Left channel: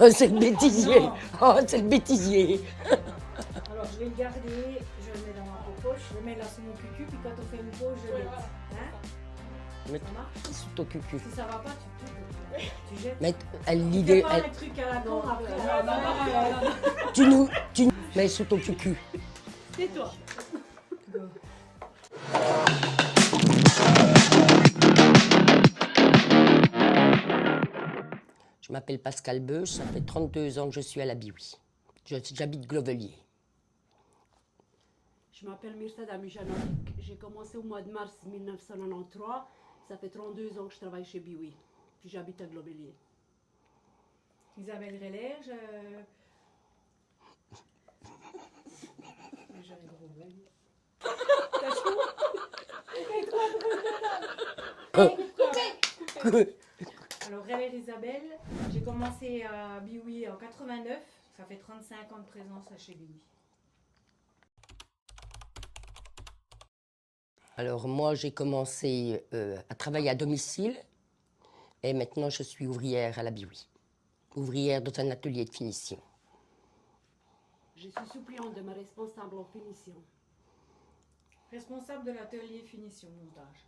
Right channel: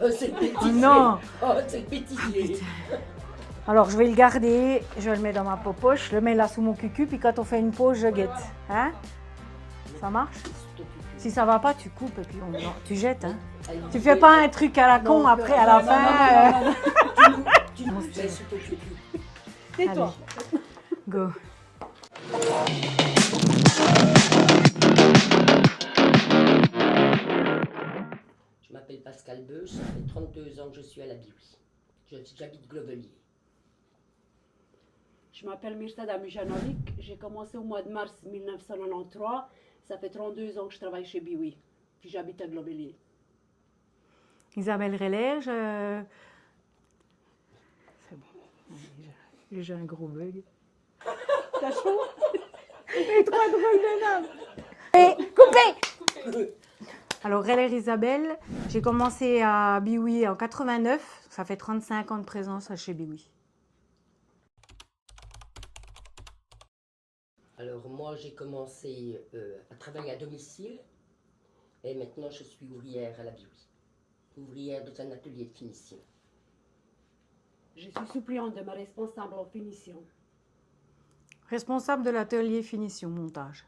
Oh, c'est le bêtisier. Non. Oh, c'est le bêtisier. Alors, je vais le garder, je le mets dans ma poche, je le mets là sous mon cucu, puis quand on fait une pause, je guette. Hein? Ça marche? Sous ton cucu. Si ça va pas, tu coupes et puis tu jettes. Mais Hein. elle Tu dit fais des- pas elle- un truc à la con Non, après, non, à la non, fin. non, non, Tu nous mets sous ton cucu. Tais-toi. Go. Je m'appelle Pascal Beuch, ça fait 32 ans que je suis à la Biwi. J'habite Glovelier. Je m'appelle Mirsada Mujanovic. J'ai commencé au mois de mars 1993. Ça fait 32 ans que je travaille chez Biwi. Puis j'habite à Globelier. Isabelle Reller, j'ai un gros bug. T'as chaud? Coupé. Alors, Reller Isabelle, j'ai commencé à Biwi en 89. Ça fait 35 ans de présence chez Biwi. Alors moi, j'ai commencé à travailler à domicile et maintenant je suis ouvrière à la Biwi. Ouvrière dans un atelier de finition. Je suis suppléante de ma responsable en finition. Responsable de l'atelier finition montage.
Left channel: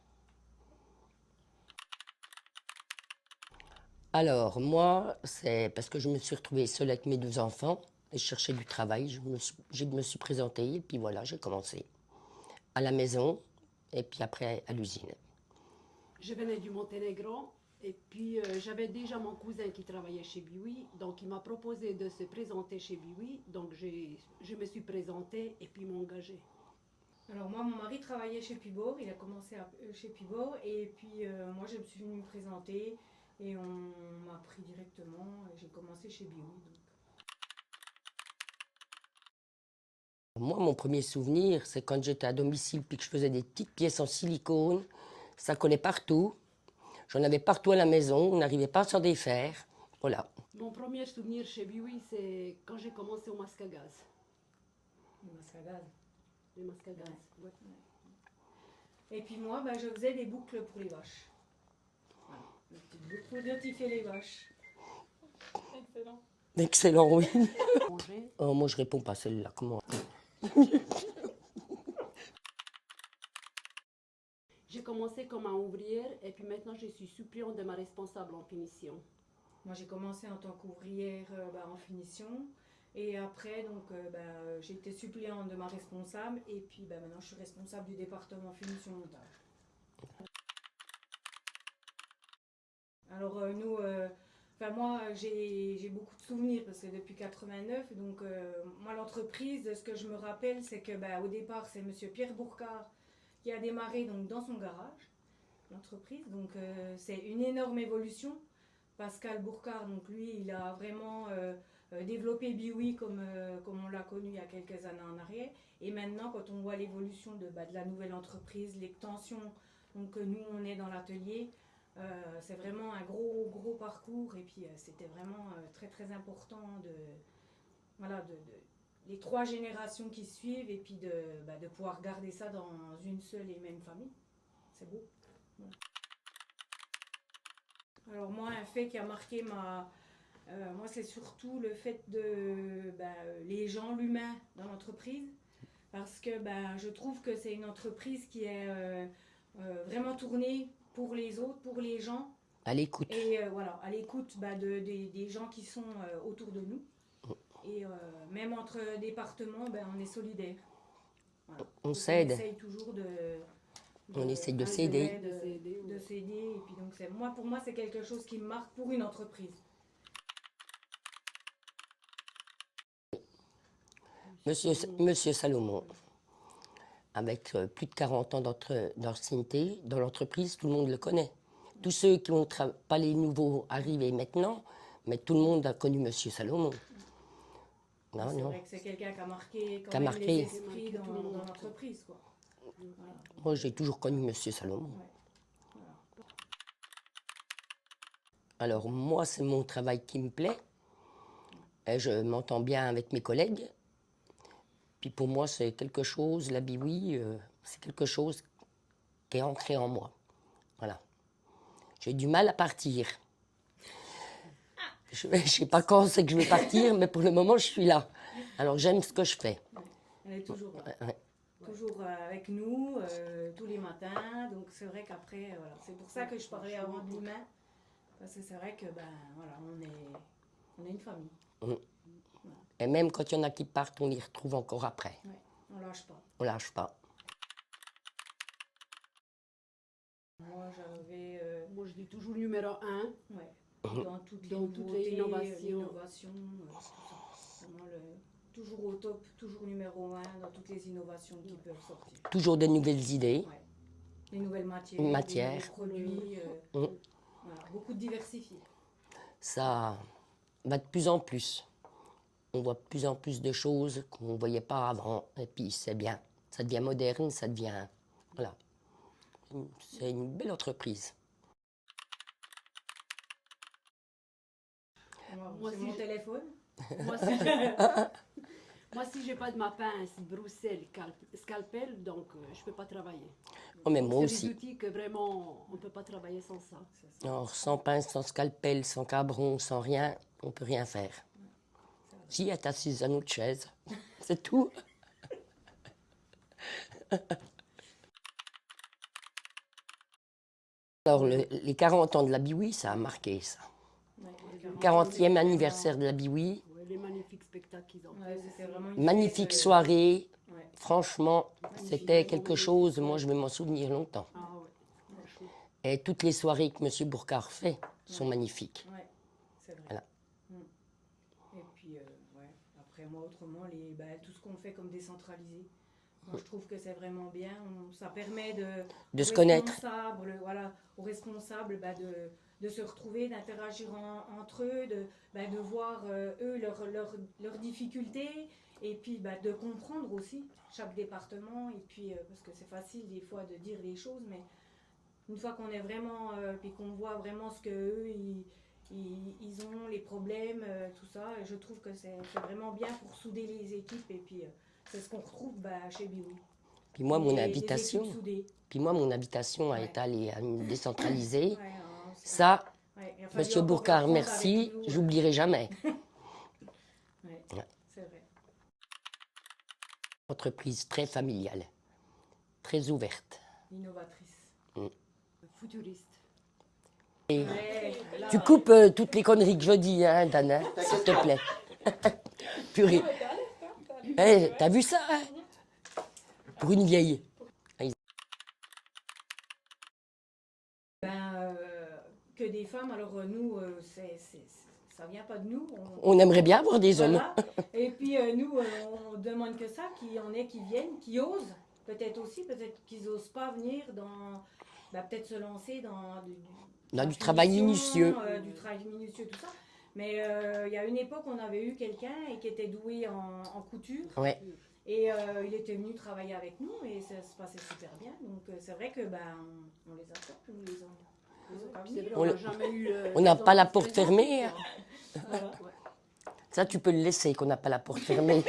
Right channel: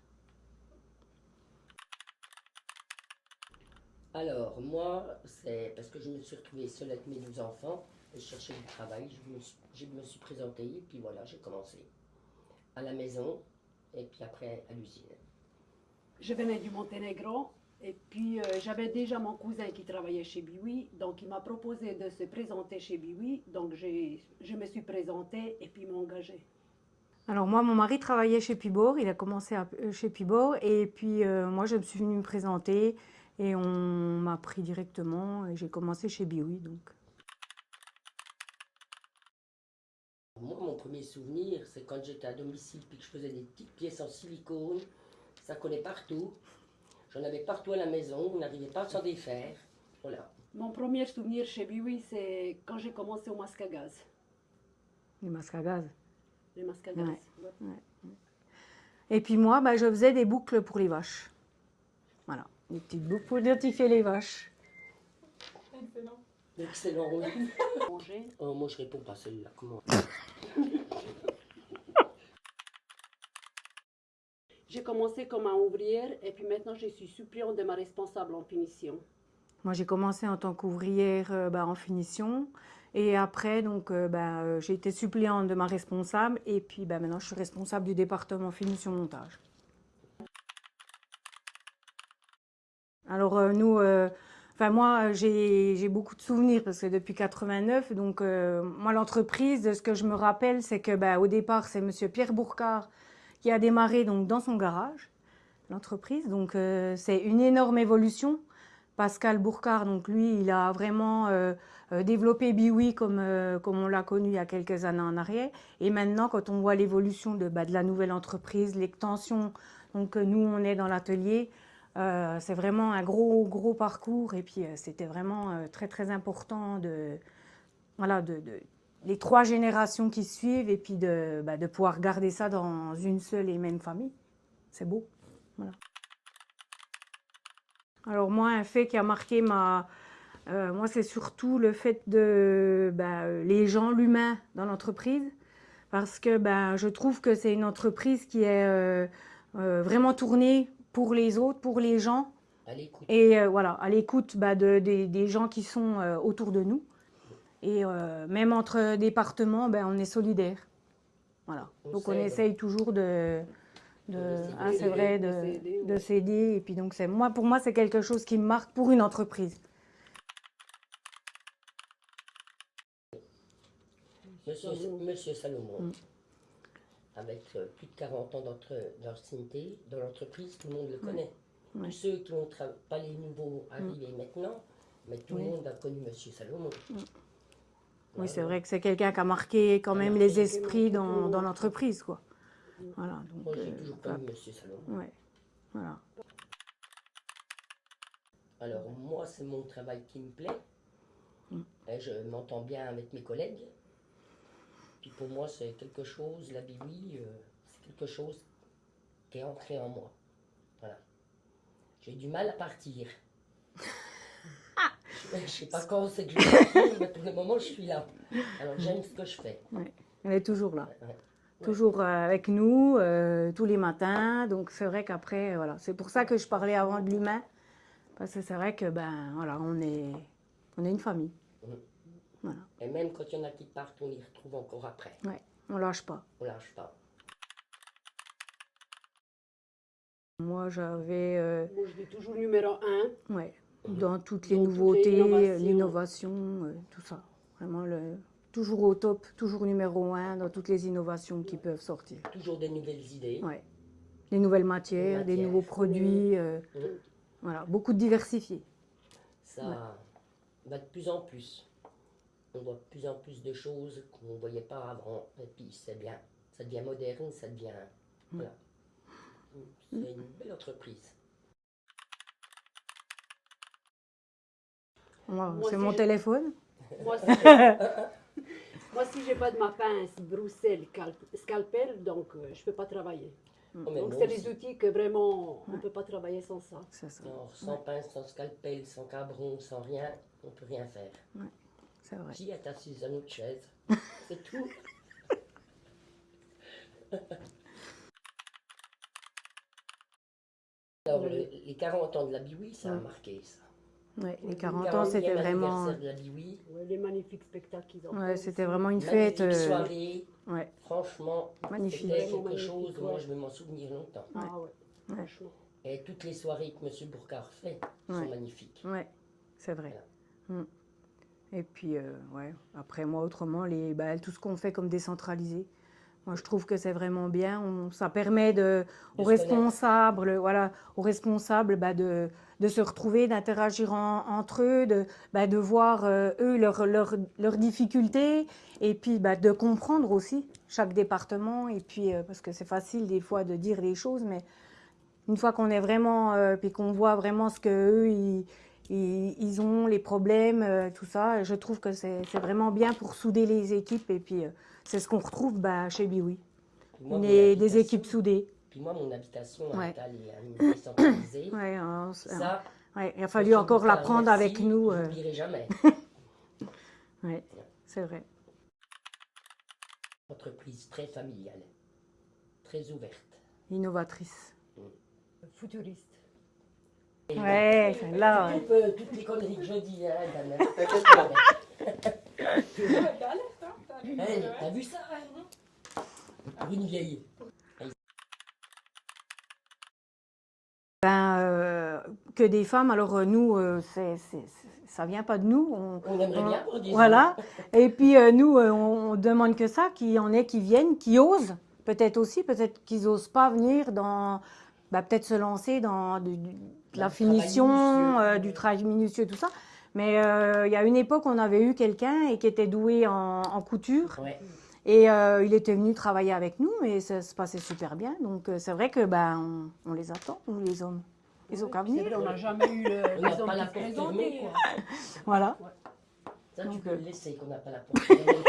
Alors moi, c'est parce que je me suis retrouvée seule avec mes 2 enfants et je cherchais du travail. Je me suis présentée et puis voilà, j'ai commencé à la maison et puis après à l'usine. Je venais du Monténégro et puis j'avais déjà mon cousin qui travaillait chez Biwi. Donc il m'a proposé de se présenter chez Biwi. Donc je me suis présentée et puis il m'a engagée. Alors moi, mon mari travaillait chez Pibor, il a commencé chez Pibor et puis moi je me suis venue me présenter et on m'a pris directement et j'ai commencé chez Biwi donc. Moi, mon premier souvenir, c'est quand j'étais à domicile puis que je faisais des petites pièces en silicone. Ça collait partout. J'en avais partout à la maison, on n'arrivait pas à s'en défaire. Voilà. Mon premier souvenir chez Biwi, c'est quand j'ai commencé au masque à gaz. Les masques à gaz. Les masques à gaz. Ouais. Ouais. Et puis moi, bah, je faisais des boucles pour les vaches. Voilà, des petites boucles pour identifier les vaches. Excellent, oui. Manger. Oh, moi, je réponds pas à celle-là. Comment? J'ai commencé comme un ouvrière et puis maintenant je suis suppléante de ma responsable en finition. Moi, j'ai commencé en tant qu'ouvrière en finition. Et après, donc, j'ai été suppléante de ma responsable. Et puis, maintenant, je suis responsable du département finition montage. Alors, moi, j'ai beaucoup de souvenirs parce que depuis 89, donc, moi, l'entreprise, de ce que je me rappelle, c'est que, au départ, c'est monsieur Pierre Bourcard qui a démarré donc, dans son garage, l'entreprise. Donc, c'est une énorme évolution. Pascal Bourcard, donc lui, il a vraiment développé Biwi comme on l'a connu il y a quelques années en arrière. Et maintenant, quand on voit l'évolution de la nouvelle entreprise, l'extension, donc nous, on est dans l'atelier, c'est vraiment un gros parcours. Et puis, c'était vraiment très, très important les 3 générations qui suivent et puis de pouvoir garder ça dans une seule et même famille. C'est beau. Voilà. Alors moi, un fait qui a marqué moi, c'est surtout le fait de les gens, l'humain dans l'entreprise, parce que je trouve que c'est une entreprise qui est vraiment tournée pour les autres, pour les gens. À l'écoute. Et voilà, à l'écoute des gens qui sont autour de nous. Et même entre départements, on est solidaires. Voilà. Donc on essaye toujours On essaie de c'est vrai, s'aider. de s'aider. Et puis donc pour moi, c'est quelque chose qui me marque pour une entreprise. Monsieur Salomon, avec plus de 40 ans d'ancienneté dans l'entreprise, tout le monde le connaît. Tous ceux qui n'ont pas les nouveaux arrivés maintenant, mais tout le monde a connu Monsieur Salomon. Oui, c'est vrai que c'est quelqu'un qui a marqué quand même les esprits dans l'entreprise, quoi. Voilà, donc, moi, j'ai toujours connu Monsieur Salomon. Ouais, voilà. Alors, moi, c'est mon travail qui me plaît. Et je m'entends bien avec mes collègues. Puis pour moi, c'est quelque chose, la Biwi, c'est quelque chose qui est ancré en moi. Voilà. J'ai du mal à partir. Je ne sais pas quand c'est que je vais partir, mais pour le moment, je suis là. Alors, j'aime ce que je fais. Ouais. Elle est toujours là. Ouais. Toujours avec nous, tous les matins. Donc c'est vrai qu'après, voilà. C'est pour ça que je parlais avant de l'humain. Parce que c'est vrai que, ben, voilà, on est une famille. Voilà. Et même quand il y en a qui partent, on les retrouve encore après. Ouais, on lâche pas. On lâche pas. Moi, j'avais, Moi, je dis toujours numéro 1. ouais, dans toutes les Dans toutes les nouveautés, innovations. l'innovation, tout ça. Vraiment, toujours au top, toujours numéro 1 dans toutes les innovations qui peuvent sortir. Toujours de nouvelles idées. Ouais. Des nouvelles matières, des Matières. nouveaux produits. Voilà, beaucoup de diversifiés. Ça va de plus en plus. On voit de plus en plus de choses qu'on ne voyait pas avant. Et puis, c'est bien. Ça devient moderne, ça devient... Voilà. C'est une belle entreprise. Moi, Moi, c'est si mon je- téléphone. Moi, si, moi, si j'ai pas de ma pince, Bruxelles, scalpel, donc je peux pas travailler. Oh, mais Donc, moi c'est aussi. des outils que vraiment, on peut pas travailler sans ça. C'est ça. Alors, sans pince, sans scalpel, sans cabron, sans rien, on ne peut rien faire. C'est vrai. Si, être assise à notre chaise, c'est tout. Alors, les 40 ans de la Biwi, ça a marqué ça. Ouais, les 40 ans, 40e c'était vraiment- anniversaire de la Biwi, Ouais, les magnifiques spectacles qu'ils ont Ouais, fait. c'était vraiment une magnifique fête. soirée. Ouais. Franchement, Magnifique. c'était quelque chose, moi je vais m'en souvenir longtemps. Ah ouais, franchement. Et toutes les soirées que M. Bourcard fait sont Ouais. magnifiques. Ouais, c'est vrai. Voilà. Et puis, ouais, après moi, autrement, tout ce qu'on fait comme décentralisé, moi, je trouve que c'est vraiment bien. Ça permet De aux se connaître. responsables, voilà, aux responsables de se retrouver, d'interagir entre eux, de voir eux leurs difficultés et puis de comprendre aussi chaque département. Et puis, parce que c'est facile des fois de dire des choses, mais une fois qu'on est vraiment, puis qu'on voit vraiment ce qu'eux, ils ont, les problèmes, tout ça, je trouve que c'est vraiment bien pour souder les équipes. Et puis, c'est ce qu'on retrouve chez Biwi. Puis moi, mon Des habitation, équipes soudées. puis moi, mon habitation Ouais. est allée à une décentralisée. Ouais, Ça, ouais, il a fallu Monsieur encore Bourcard, l'apprendre merci, avec nous. je n'oublierai jamais. Ouais, c'est vrai. Entreprise très familiale, très ouverte. Innovatrice. Futuriste. Et Ouais, là, tu coupes toutes les conneries que je dis, hein, Dana, s'il te plaît. Purée. Eh, t'as vu ça, hein? Pour une vieille. que des femmes. Alors nous, ça vient pas de nous. On aimerait bien avoir des hommes. Voilà. Et puis nous, on demande que ça, qu'il y en ait qui viennent, qui osent. Peut-être aussi, peut-être qu'ils osent pas venir peut-être se lancer dans la du travail finition, minutieux. du travail minutieux, tout ça. Mais il y a une époque, on avait eu quelqu'un et qui était doué en couture. Ouais. Et il était venu travailler avec nous et ça se passait super bien. Donc c'est vrai que on les attend, nous les hommes. Ils ont qu'à C'est venir. vrai, on n'a jamais eu. On n'a des pas hommes la qui se porte présentent, fermée. quoi. Voilà. Ça, tu peux le laisser, qu'on n'a pas la porte fermée.